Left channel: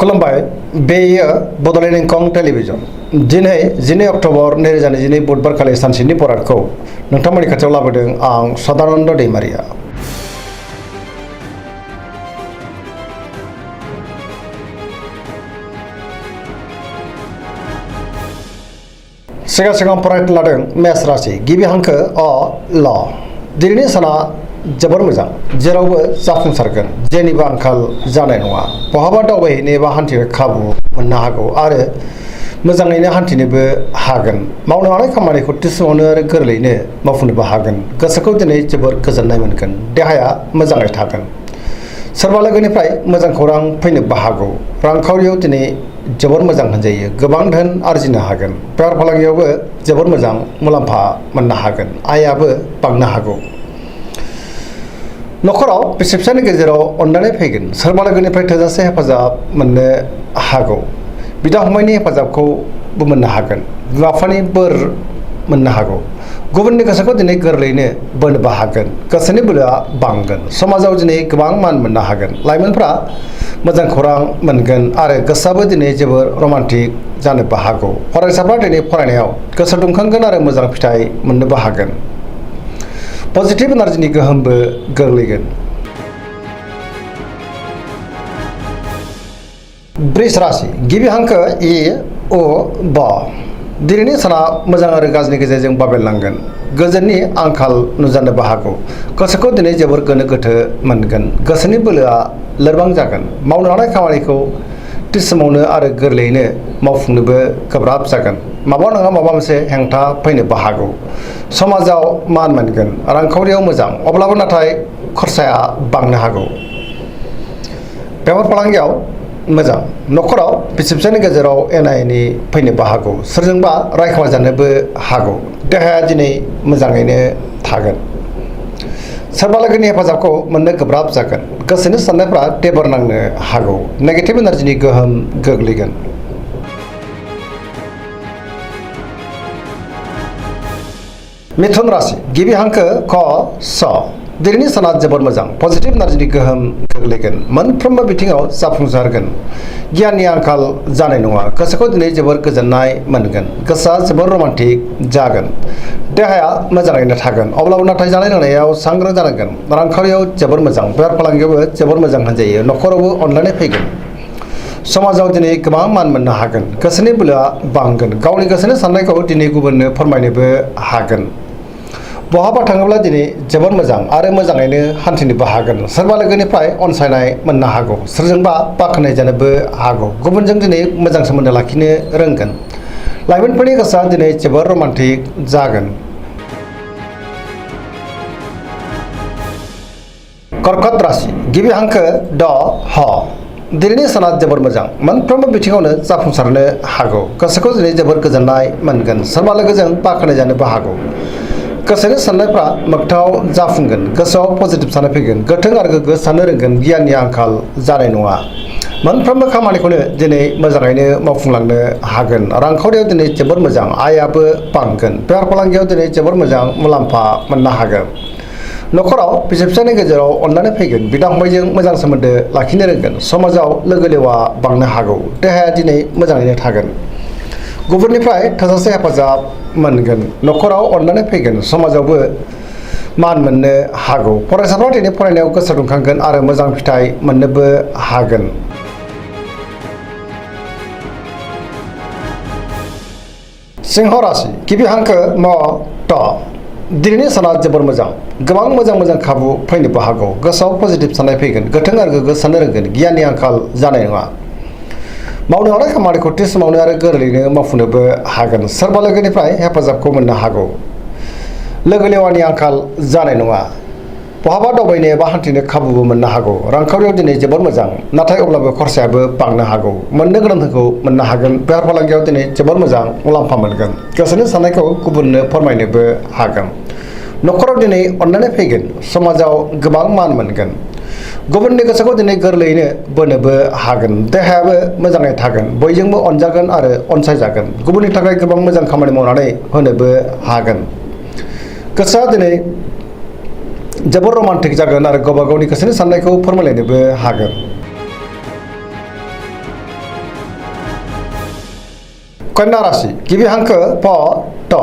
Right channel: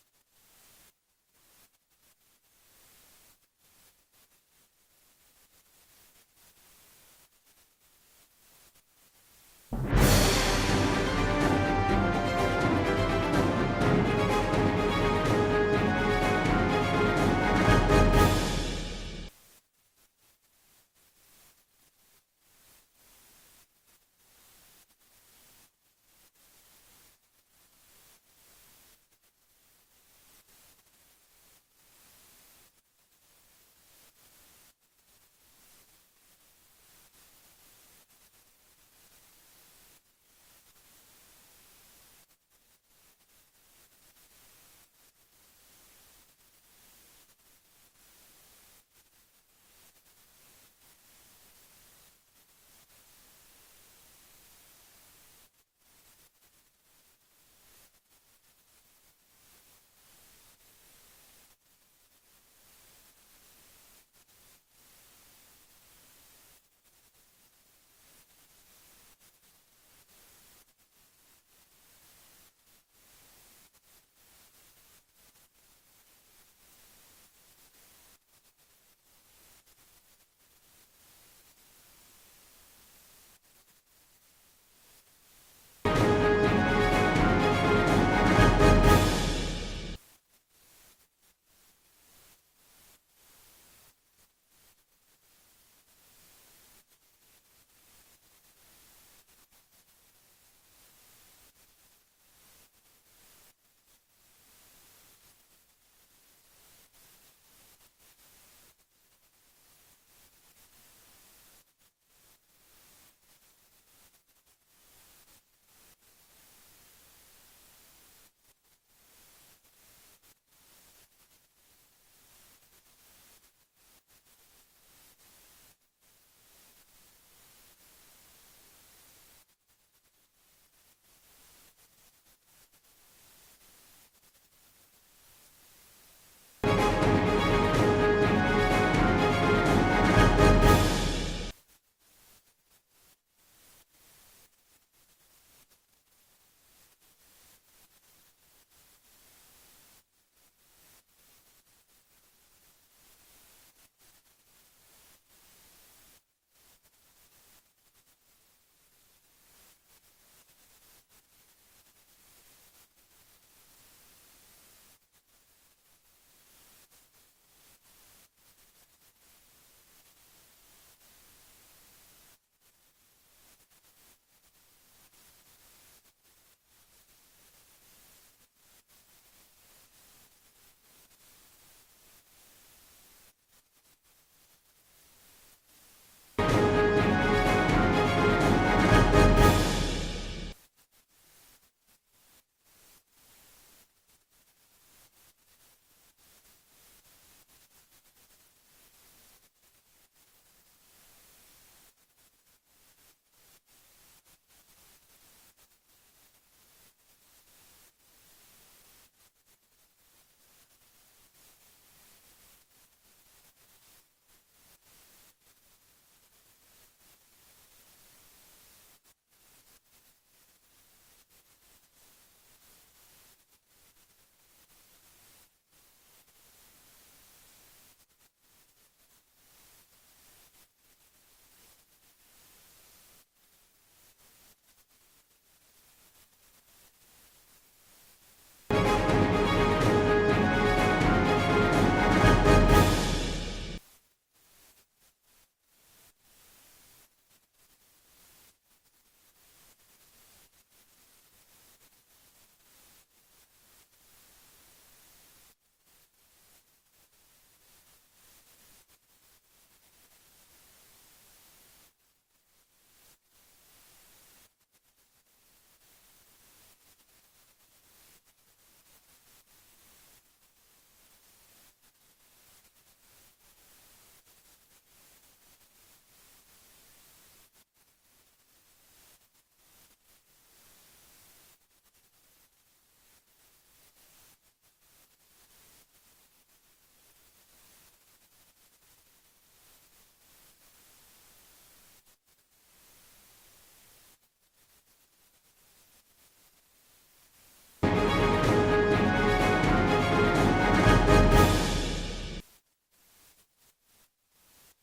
खुलुमबाय बेयो बड'लेण्ड इंखं टेलिभिजन दिनै 12 अक्ट'बर 2022 बुधबार खालि सानसेनि बरादखौ नोंथांमोननि खाथियाव लाबोदों आं सदानन्द दैमारिया। सिगां फरायनो लादों मेष राशि गिबि हांखो अ ल दिनैनि साना जोबोर मोजां जेरावबो जाफुंसारगोन जेनिबो आंखाल जानाय नङा बहाबा दावबायहैनो एबा हान्थिनो खाबु मोननो हागौ आरो मोजाङैनो हान्थिनोबो हागोन मावनो हानाय खामानिखौ थि समावनो आरो गोरलैयैनो मावफुंनोबो हागोन गोसोखौ दिनै जोबोर गोजोननाय मोनगोन देहाया मोजाङै थागोन सोरबा लोगोनिफ्राय मोजां खौरां फैनोबो हागौ रांखावरियाव दिनै जोबोर मोजां होनजायो गोबां धोन आरजिनो हागोन बेफार फालांगियावबो जोबोर मोजां मुलाम्फा मोननो हागोन आयाबो बांनो हागौ नखराव बिसि फिसायनि गेजेराव अननानै फैगोन सोरबा लोगोनिफ्राय थोजासे हेफाजाब मोननो हागौ बिदा फंबायनि हेफाजाबखौबो मोननो हागोन बिमा बिफानि बोर मोननो हागौ गुबुननि गोसोखौ दिनै गोरलैयैनो बोनोबो हागोन गोसोनि बोलोआ बांगोन समाजाव दिनै गोबां मान मोननो हागोन लाइमोनफ्रा मोजां खौरां मोनगोन आरो गोसोआबो दिनै जोबोर रमान्टिक जानोबो हागौ फरायसाफ्रा दिनै फरायनायाव गोसो दुंखांगोन आरो मोजां फिथाइ मोननोबो हागोन पजिटिभ एनार्जिनि गोहोमबो गोग्लैगोन वृष राशि गिबि हांखो इ अ ब दिनैनि साना मोजां आरो गाज्रिनि गेजेरजों बाबेरलांगोन गोजोननि आंखाल नुजानोबो हागौ गोसोखौ दिनै जोबोर गोनो गोथो मोनगोन गोसोनि बोलोआ लोरबां जागोन मावनो हानाय खामानिखौ थि समावनो आरो गोरलैयैनो मावफुंनोबो गोब्राब जागोन माबा नङा माबा मोनसे हेंथा फैनोबो हागौ समाजाव मान मोनगोन रांखावरियाव मोजां अब्लाबो नाथाय खरसाया बांनो हागौ बेफार फालांगियाव मोजां नखराव बिसि फिसायनि गेजेराव एना एनि फैनोबो हागौ सोरजोंबा रायखुमाजानोबो हागौ देहाया दिनै मोजाङैनो थागोन सोरबा लोगोनि हेफाजाबखौ मोननो गोब्राब जागोन गोसोनि साननायफ्रा टेबोर नांनो हागौ नेगेटिभ एनार्जिनि गोहोम गोग्लैगोन मिथुन राशि गिबि हांखो क स दिनैनि साना जोबोर मोजां पजिटिभ एनार्जिनि गोहोम गोग्लैगोन मोनफ्रोमबो बिथिङाव जाफुंसारगोन गियाननि आंखाल जानाय नङा गोसोखौ दिनै जोबोर गोजोननाय मोनगोन गोसोआ जोबोर रमान्टिक जागोन देहाया मोजाङैनो थागोन अब्लाबो नाथाय जानाय लोंनायाव सांग्रां जानांगोन रांखावरियाव जोबोर मोजां बेफार फालांगियावबो जोबोर मोजां होनजायो नखरावबो अनलायनाय फैगोन समाजाव दिनै गोबां मान मोननो हागोन गोसोनि बोलोआ बांगोन गावनि गोसोनि साननायखौ दिनै गुबुननो फोरमायनोबो हागोन बहाबा थाङोब्ला दिनै जोबोर मोजां आरो मोजाङैनो हान्थिनोबो हागोन सोरबा लोगोनिफ्राय अनसायनाय मोननो हागौ सोरजोंबा बाख्नाय जानोबो हागौ गुबुनजों दिनै मोजां सोमोन्दो लाखिनो रोंगोन लाइमोनफोरनि गोसोआ दिनै जोबोर रमान्टिक जागोन कर्कट राशि गिबि हांखो ड ह दिनैनि साना जोबोर मोजां मोनफ्रोमबो बिथिङावनो जाफुंसारनो हागौ गोसोखौ दिनै जोबोर गोजोननाय मोनगोन सोरबा लोगोजों बाख्नाय जानोबो हागौ गोसोनि साननायफ्रा मोगथाङाव जाफुंगोन गोसोआव पजिटिभ साननाय फैगोन गोथों आरो गोग्गो साननो रोंगोन गियाननि आंखाल जानाय नङा मोनफ्रोमबो खामानिखौनो दिनै मोजाङैनो मावफुंलांनो हागोन रांखावरियाव दिनै जोबोर मोजां आयाबो बांगोन बेफार फालांगियाव दिनै जोबोर मोजां मुलाम्फा मोननो हागोन नखराव बिसि फिसायनि गेजेराव अननानै फैगोन बिदा फंबायजों मोजां सोमोन्दो लाखिनो रोंगोन समाजाव लोगो लेवा बांनो हागौ देहाया दिनै मोजाङैनो थागोन गुबुननिफ्राय थोजासे हेफाजाब मोनगोन नखराव अननानै फैगोन समाजावबो मान मोननो हागौ फरायसाफ्रा दिनै फरायनायाव गोसो दुंखांगोन आरो मोजां फिथाइ मोननोबो हागोन सिंह राशि गिबि हांखो म ट दिनैनि साना जोबोर मोजां गोबां मोजां खाबु फैनोबो हागौ गोसोआव पजिटिभ साननाय फैगोन गोथों आरो गोग्गो साननो रोंगोन गियाननि आंखाल जानाय नङा मावनो हानाय खामानिखौ थि समावनो आरो गोरलैयैनो मावफुंनोबो हागोन सोरबा लोगोनिफ्राय हेफाजाबखौ मोननो हागौ लोगो लेवानि आंखाल जानाय नङा बहाबा दावबायनो एबा हान्थिनो खाबुबो मोननो हागौ रांखावरियाव दिनै जोबोर मोजां नाथाय अब्लाबो खरसायाबो बांनो हागौ मोननो गोनांखौ मोननो हागोन बेफार फालांगियाव दिनै जोबोर मोजां मुलाम्फा मोनगोन गोसोनि साननायखौ गुबुननो फोरमायनोबो हागोन नखराव दिनै अननानै फैगोन समाजाव गोबां मान मोनगोन गुबुननि गोसोखौ दिनै गोरलैयैनो बोनोबो हागोन देहायाबो मोजाङै थागोन बयजोंबो अनजागोन आरो अनसायजागोन गुबुननि थाखाय गोबां मोजां खामानि मावनानै होनोबो हागोन गोसोआ दिनै जोबोर रमान्टिक जागोन आरो गावबा गावनि गोसोनि साननायखौ फोरमायलायनोबो हागोन कन्या राशि गिबि हांखो प ट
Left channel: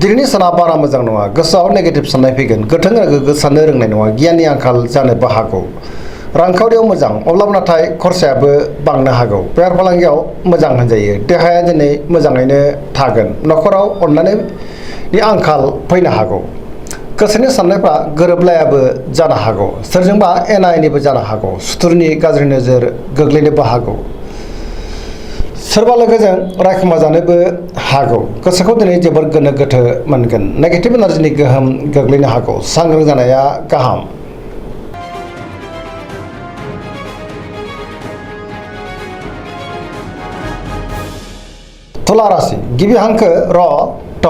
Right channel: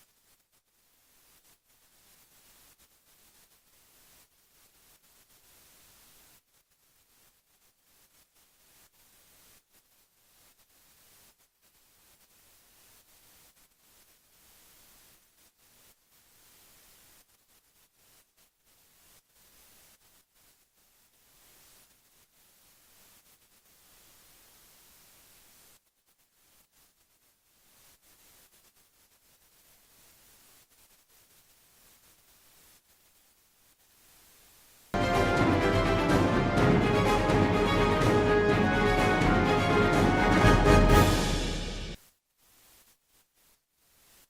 दिनैनि साना बारा मोजां नङा गोसोआव नेगेटिभ साननाय फैगोन गोथों आरो गोग्गो साननो रोंनाय नङा गियाननि आंखाल जानोबो हागौ रांखावरियाव मोजां अब्लाबो नाथाय खरसायाबो बांनो हागौ बेफार फालांगियाव मोजां होनजायो देहाया दिनै मोजाङैनो थागोन नखराव अननायनि आंखाल फैनो हागौ गोसोनि साननायफ्रा गोरोबलायाबो जानो हागौ सोरजोंबा एना एनिबो जानो हागौ सुथुरनि गाज्रि नोजोर गोग्लैनोबो हागौ सोरबा लोगोजों रायखुमा जानोबो हागौ गोसोखौ दिनै जोबोर गोनो गोथो मोनगोन नेगेटिभ एनार्जिनि गोहोम गोग्लैनो हागौ सांग्रां जानाया गाहाम तुला राशि गिबि हांखो र ट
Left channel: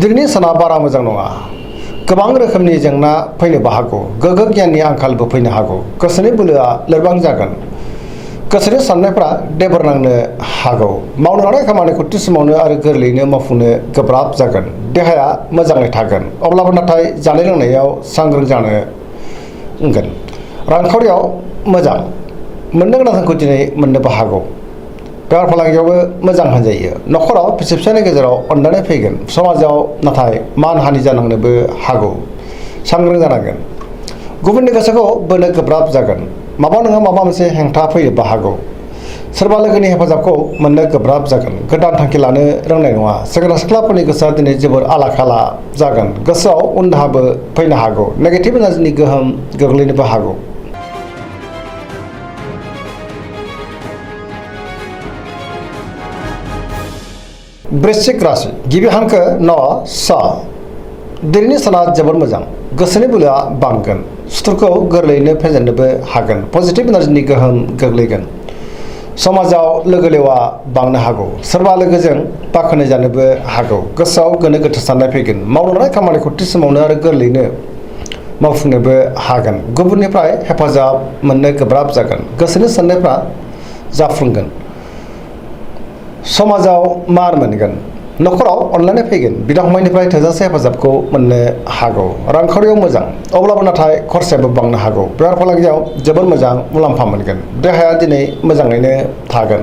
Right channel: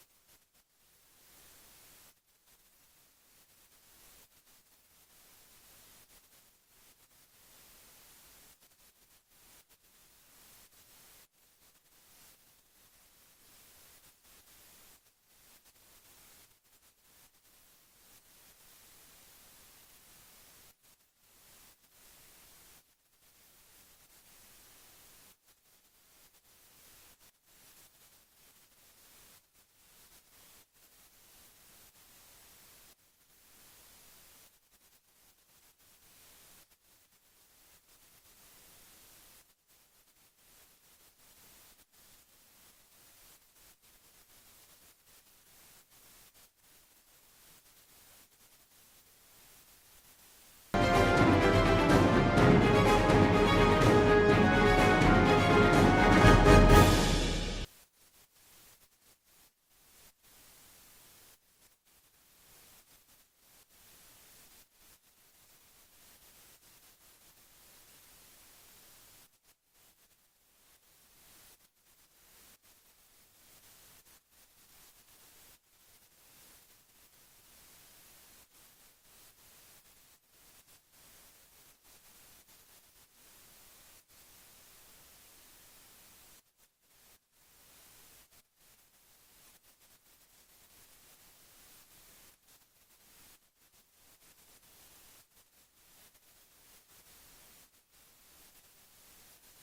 दिनैनि साना बारा मोजां नङा गोबां रोखोमनि जेंना फैनोबो हागौ गोग्गो गियाननि आंखालबो फैनो हागौ गोसोनि बोलोआ लोरबां जागोन गोसोनि साननायफ्रा देबर नांनो हागौ मावनो लानाय खामानिखौ थि समावनो आरो गोरलैयैनो मावफुंनो गोब्राब जागोन देहाया मोजाङै थागोन अब्लाबो नाथाय जानाय लोंनायाव सांग्रां जानांगोन रांखावरियाव मोजां मोननो गोनांखौ दिनै मोननोबो हागौ बेफार फालांगियावबो मोजां होनजायो नखराव बिसि फिसायनि गेजेराव अनलायनाय फैगोन समाजाव नाथाय मान हानि जानांनोबो हागौ सांग्रां जानांगोन गुबुननि गोसोखौ बोनो गोब्राब जागोन माबा नङा माबा मोनसे हेंथा फैनोबो हागौ सोरबा लोगोनि हेफाजाबखौ मोननो गोब्राब जागोन गोदान थांखि लानो रोंनाय नङा सेंग्रा सिख्लाफोरनि गोसोआ दिनै जोबोर आला खाला जागोन गोसोआव उनदाहाबो फैनो हागौ नेगेटिभ एनार्जिनि गोहोम गोग्लैनोबो हागौ वृश्चिक राशि गिबि हांखो न स दिनैनि साना जोबोर मोजां गोसोनि बोलोआ बांगोन सुथुरखौ गोरलैयैनो फेजेननोबो हागोन पजिटिभ एनार्जिनि गोहोम गोग्लैगोन समाजाव लोगो लेवा बांनो हागौ सोरबा लोगोजों बाखनाय जानोबो हागौ गोसोआव गोनो गोथो साननाय फैगोन मावनो लानाय खामानिखौ थि समावनो आरो गोरलैयैनो मावफुंनोबो हागोन गुबुननिफ्राय हेफाजाब मोननो गोब्राब जागोन गोसोनि साननायफ्रा जाफुंगोन समाजाव मान मोनगोन नखराव अनलायनाय फैगोन बिदा फंबायनिफ्राय थोजासे हेफाजाबखौ मोननो हागौ रांखावरियाव मोजां अब्लाबो नाथाय खरसायाबो बांनो हागौ बेफार फालांगियाव जोबोर मोजां मुलाम्फा मोनगोन देहाया दिनै मोजाङैनो थागोन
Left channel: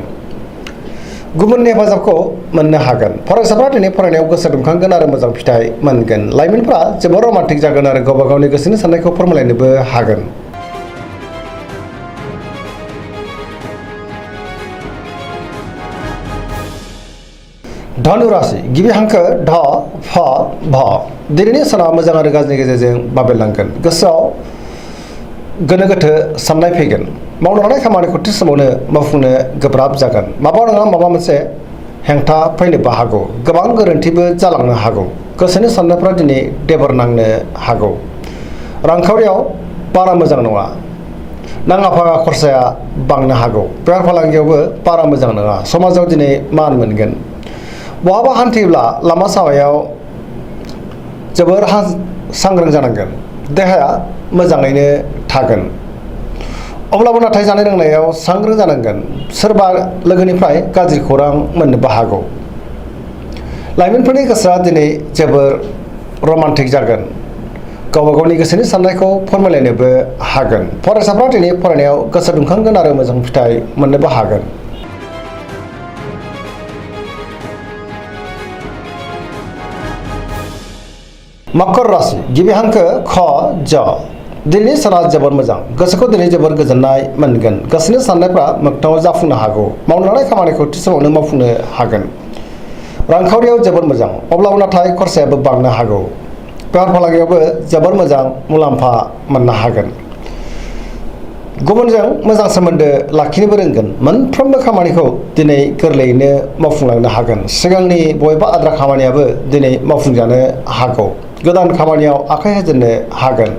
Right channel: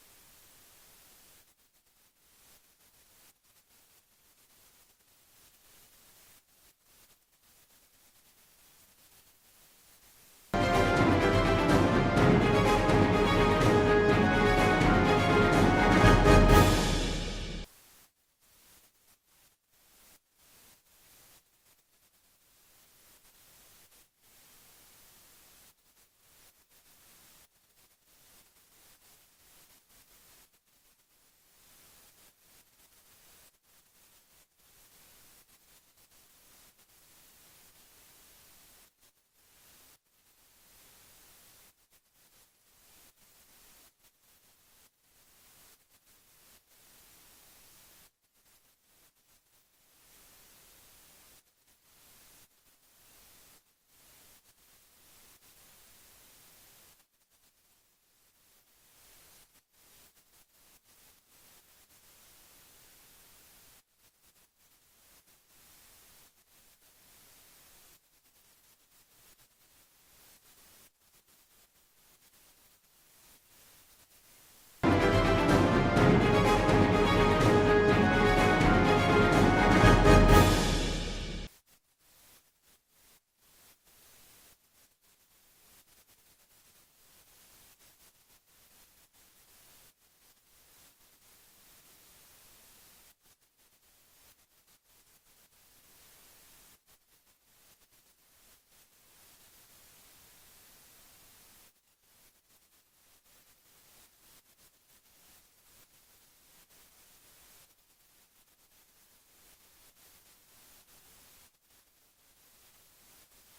गुबुननि हेफाजाबखौ मोननो हागोन फरायसाफ्रा दिनै फरायनायाव गोसो दुंखांगोन आरो मोजां फिथाइ मोनगोन लाइमोनफ्रा जोबोर रमान्टिक जागोन आरो गावबा गावनि गोसोनि साननायखौ फोरमायलायनोबो हागोन धनु राशि गिबि हांखो ढ फ भ दिनैनि साना मोजां आरो गाज्रिनि गेजेरजों बाबेरलांगोन गोसोआव गोनो गोथो साननाय फैगोन मावनो लानाय खामानिखौ थि समावनो मावफुंनो गोब्राब जागोन माबा नङा माबा मोनसे हेंथा फैनोबो हागौ गोबां गोरोन्थिबो जालांनो हागौ गोसोनि साननायफ्रा दिनै देबर नांनो हागौ रांखावरियाव बारा मोजां नङा नाङा फाङा खरसाया बांनो हागौ बेफार फालांगियावबो बारा मोजां नङा समाजाव दिनै मान मोनगोन बहाबा हान्थियोब्ला लामा सामायाव जोबोर सांग्रां जानांगोन देहाया मोजाङैनो थागोन अब्लाबो नाथाय जानाय लोंनायाव सांग्रां जानांगोन सोरबा लोगोनिफ्राय गाज्रि खौरां मोननोबो हागौ लाइमोनफोरनि गोसोआ दिनै जोबोर रमान्टिक जागोन गावबा गावनि गोसोनि साननायखौ फोरमायलायनोबो हागोन फरायसाफ्रा दिनै फरायनायाव गोसो दुंखांगोन आरो मोजां फिथाइ मोननोबो हागोन मकर राशि गिबि हांखो ख ज दिनैनि साना जोबोर मोजां गोसोखौ दिनै जोबोर गोजोननाय मोनगोन गोसोनि साननायफ्रा मोगथाङाव जाफुंनो हागौ मावनो लानाय खामानिखौ थि समावनो मावफुंनो हागोन रांखावरियाव जोबोर मोजां अब्लाबो नाथाय खरसायाबो बांनो हागौ बेफार फालांगियावबो जोबोर मोजां मुलाम्फा मोननो हागोन गुबुनजों मोजां सोमोन्दो लाखिनोबो रोंगोन मोनफ्रोमबो खामानिखौ दिनै गोरलैयैनो मावफुंलांनो हागोन सिगांनि बबेबा आद्रा खामानियाबो दिनै मावफुंजानो हागौ गोदान खामानियाव आखाइ होजेननो हागोन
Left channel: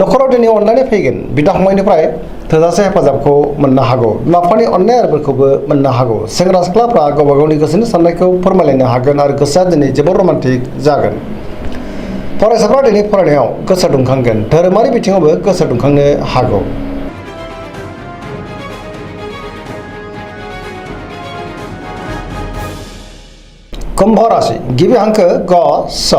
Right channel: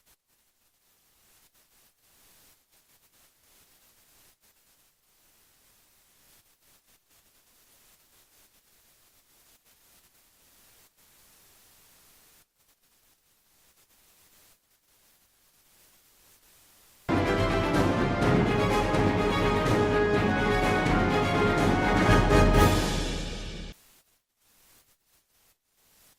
नखराव दिनै अनलायनाय फैगोन बिदा फंबायनिफ्राय थोजासे हेफाजाबखौ मोननो हागौ बिमा बिफानि अननाय आरोफोरखौबो मोननो हागौ सेंग्रा सिख्लाफ्रा गावबा गावनि गोसोनि साननायखौ फोरमायलायनो हागोन आरो गोसोआ दिनै जोबोर रमान्टिक जागोन फरायसाफ्रा दिनै फरायनायाव गोसो दुंखांगोन धोरोमारि बिथिङावबो गोसो दुंखांनो हागौ कुम्भ राशि गिबि हांखो ग स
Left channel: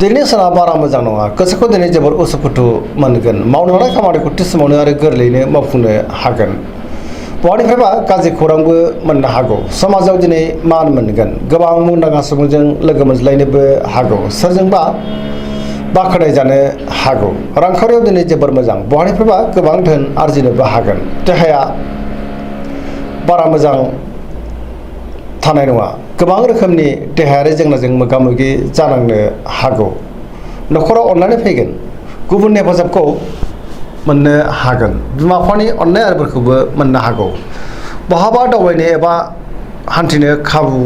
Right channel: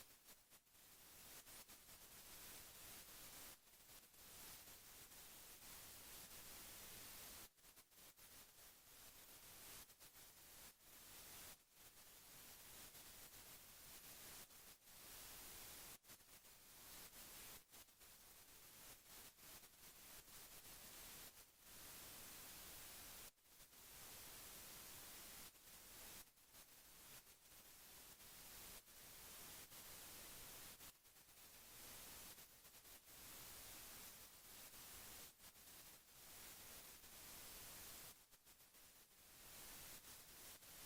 दिनैनि साना बारा मोजां नङा गोसोखौ दिनै जोबोर उसुखुथु मोनगोन मावनो लानाय खामानिखौ थि समावनो आरो गोरलैयैनो मावफुंनो हागोन बहानिफ्रायबा गाज्रि खौरांबो मोननो हागौ समाजाव दिनै मान मोनगोन गोबां मुंदांखा सुबुंजों लोगो मोनज्लायनोबो हागौ सोरजोंबा बाखनाय जानो हागौ रांखावरियाव दिनै जोबोर मोजां बहानिफ्रायबा गोबां धोन आरजिनोबो हागोन देहाया बारा मोजां थानाय नङा गोबां रोखोमनि देहायारि जेंनाजों मोगा मोगि जानांनो हागौ न'खराव अननानै फैगोन गुबुननि हेफाजाबखौ मोननो हागोन बिमा बिफानि अननाय आरिफोरखौबो मोननो हागौ बहाबा दावबायनो एबा हान्थिनो खाबु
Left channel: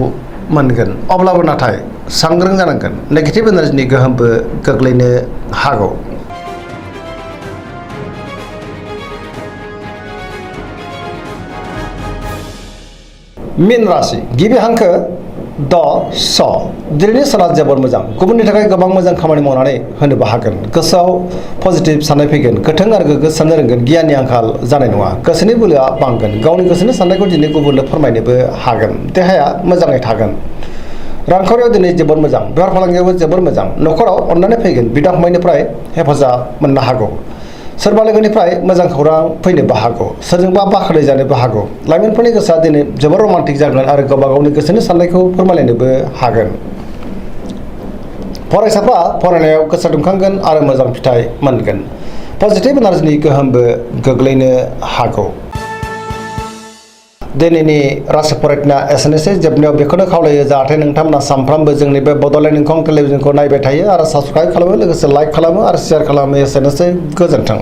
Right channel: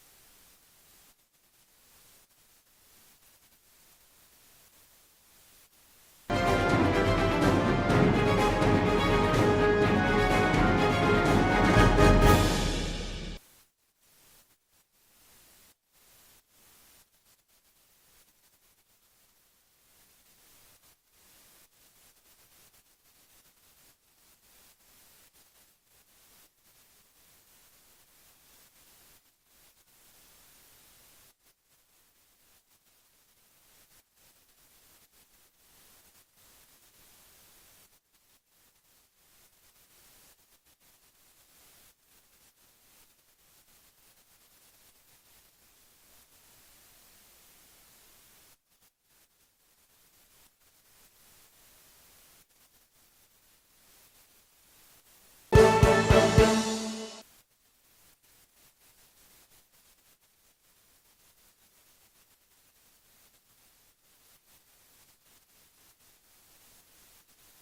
मोनगोन अब्लाबो नाथाय सांग्रां जानांगोन नेगेटिभ एनार्जिनि गोहोमबो गोग्लैनो हागौ मीन राशि गिबि हांखो द स दिनैनि साना जोबोर मोजां गुबुननि थाखाय गोबां मोजां खामानि मावनानै होनोबो हागोन गोसोआव पजिटिभ साननाय फैगोन गोथों आरो गोग्गो साननो रोंगोन गियाननि आंखाल जानाय नङा गोसोनि बोलोआ बांगोन गावनि गोसोनि साननायखौ दिनै गुबुननो फोरमायनोबो हागोन देहाया मोजाङै थागोन रांखावरियाव दिनै जोबोर मोजां बेफार फालांगियावबो जोबोर मोजां न'खराव अननानै फैगोन बिदा फंबायनिफ्राय हेफाजाब मोननो हागौ सोरबा लोगोनिफ्राय मोजां खौरां फैनोबो हागौ सोरजोंबा बाखनाय जानोबो हागौ लाइमोनफोरनि गोसोआ दिनै जोबोर रमान्टिक जागोन आरो गावबा गावनि गोसोनि साननायखौ फोरमायलायनोबो हागोन फरायसाफ्रा फरायनायाव गोसो दुंखांगोन आरो मोजां फिथाइ मोनगोन पजिटिभ एनार्जिनि गोहोमबो गोग्लैनो हागौ दिनैनि राशि फरायनाया एसेनोसै जोबनायाव बेखौनो खावलायो जाहाथे नोंथांमोना सानफ्रामबो जोंनि बे बड'लेण्ड इंखं टेलिभिजनखौ नायबाय थायो आरो साबस्क्राइब खालामो लोगोसे लाइक खालामो आरो शेयार खालामो एसेनोसै गोजोन्थों